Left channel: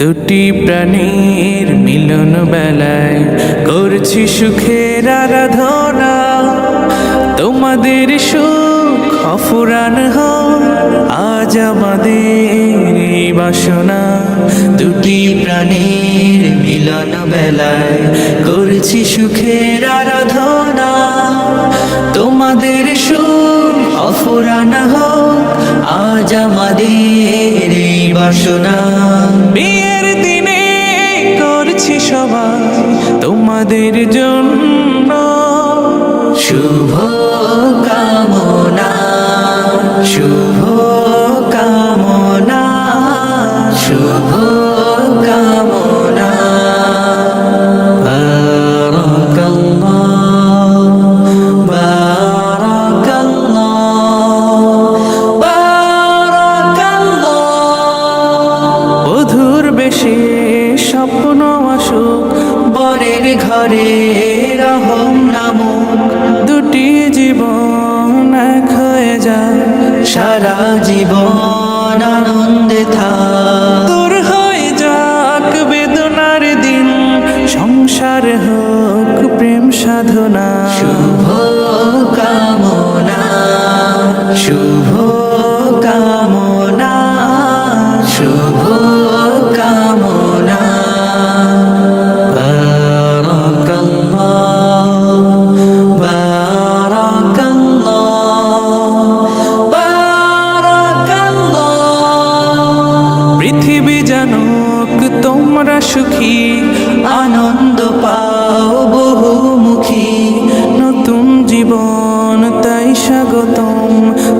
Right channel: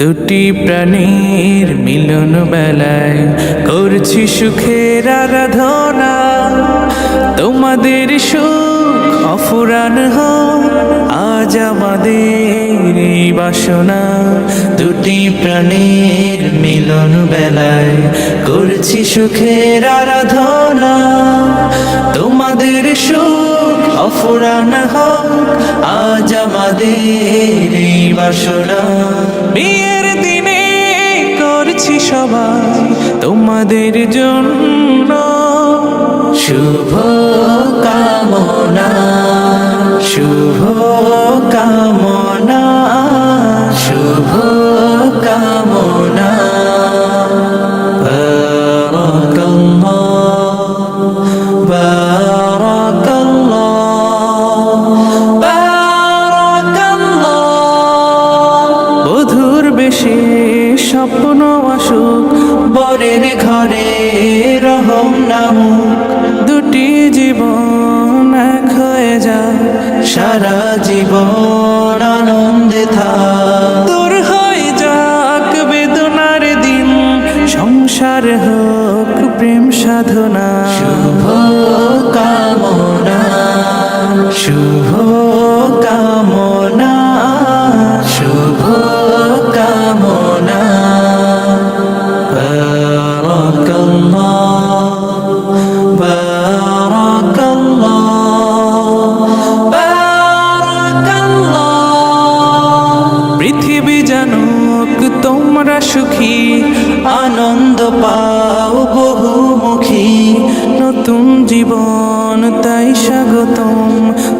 দুটি প্রাণীর মিলন বেলায় করছি সুখের আরাধনা। তোমাদের সুখ অফুরান হোক আজ আমাদের এই বাসনা। দুটি প্রাণীর মিলন বেলায় করছি সুখের আরাধনা। তোমাদের সুখ অফুরান হোক আজ আমাদের এই বাসনা। বিয়ের দিনে করছি সবাই তোমাদের জন্য শুভ কামনা, শুভ কামনা, শুভ কামনা। বারাকাল্লাহ, বারাকাল্লাহ, বারাকাল্লাহ। বধুর বেশে স্বপ্ন আসুক বরের ঘরে রহম নামুক। দুটি জীবন এক হয়ে যায় সারা জীবন আনন্দে থাক। দূর হয়ে যাক বেদনার দিন সংসার হোক প্রেম সাধনা। শুভ কামনা, শুভ কামনা, শুভ কামনা। বারাকাল্লাহ, বারাকাল্লাহ, বারাকাল্লাহ। পৃথিবী জানুক তোমরা সুখী আনন্দ পাও বহুমুখী। নতুন জীবন তাই স্বাগতম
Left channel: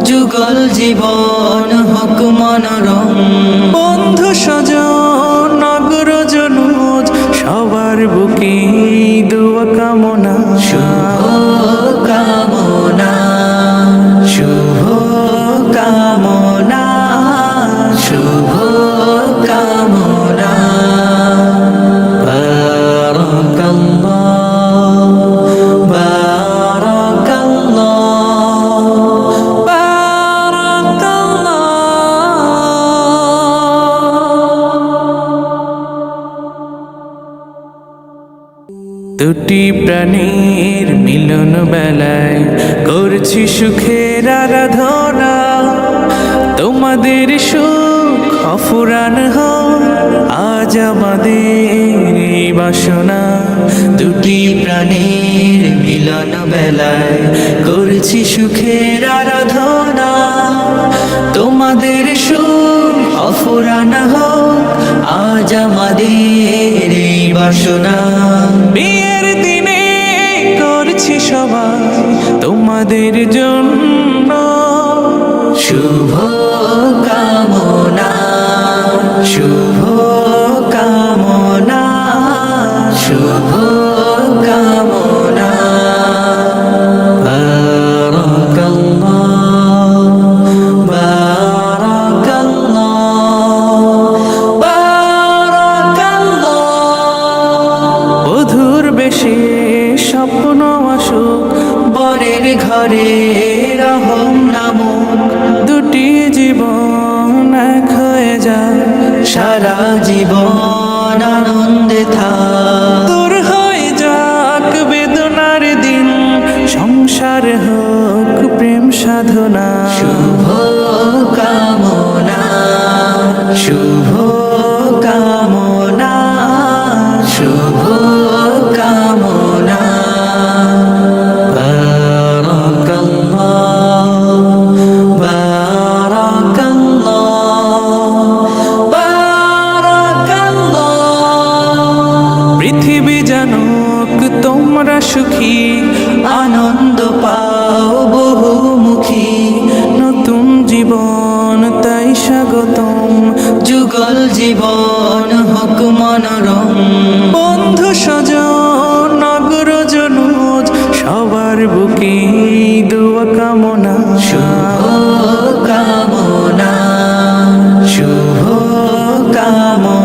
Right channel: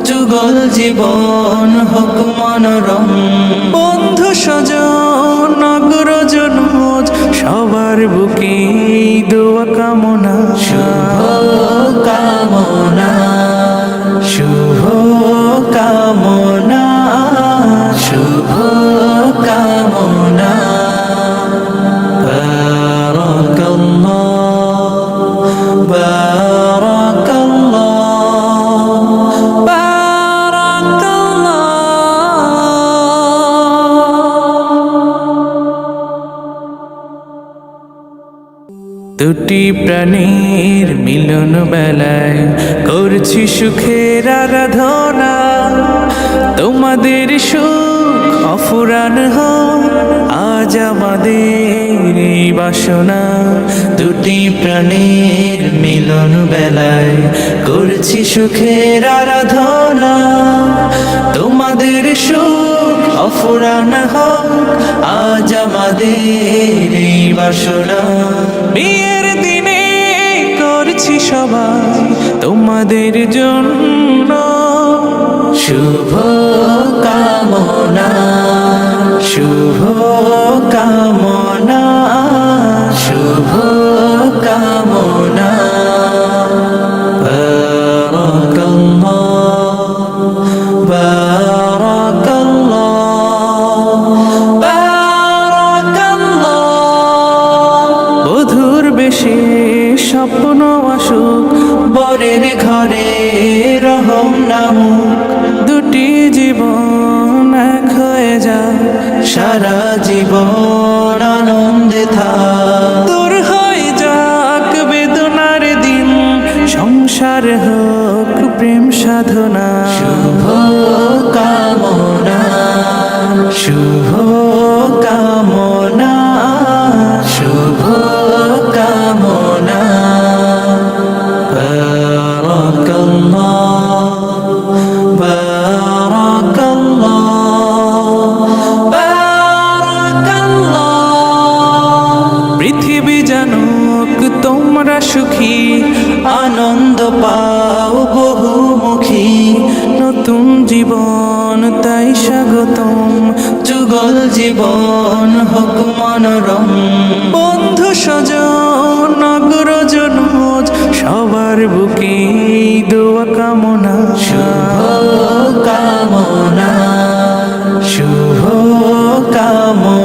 যুগল জীবন হোক মনোরম। বন্ধু স্বজন নগরজনুজ সবার বুকে দোয়া কামনা। শুভ কামনা, শুভ কামনা, শুভ কামনা। বারাকাল্লাহ, বারাকাল্লাহ, বারাকাল্লাহ। দুটি প্রাণীর মিলন বেলায় করছি সুখের আরাধনা। তোমাদের সুখ অফুরান হোক আজ আমাদের এই বাসনা। দুটি প্রাণীর মিলন বেলায় করছি সুখের আরাধনা। তোমাদের সুখ অফুরান হোক আজ আমাদের এই বাসনা। বিয়ের দিনে করছি সবাই তোমাদের জন্য শুভ কামনা, শুভ কামনা, শুভ কামনা। বারাকাল্লাহ, বারাকাল্লাহ, বারাকাল্লাহ। বধুর বেশে স্বপ্ন আসুক বরের ঘরে রহম নামুক। দুটি জীবন এক হয়ে যায় সারা জীবন আনন্দে থাক। দূর হয়ে যাক বেদনার দিন সংসার হোক প্রেম সাধনা। শুভ কামনা, শুভ কামনা, শুভ কামনা। বারাকাল্লাহ, বারাকাল্লাহ, বারাকাল্লাহ। পৃথিবী জানুক তোমরা সুখী আনন্দ পাও বহুমুখী। নতুন জীবন তাই স্বাগতম যুগল জীবন হোক মনোরম। বন্ধু স্বজন নগরজনুজ সবার বুকে দোয়া কামনা। শুভ কামনা, শুভ কামনা।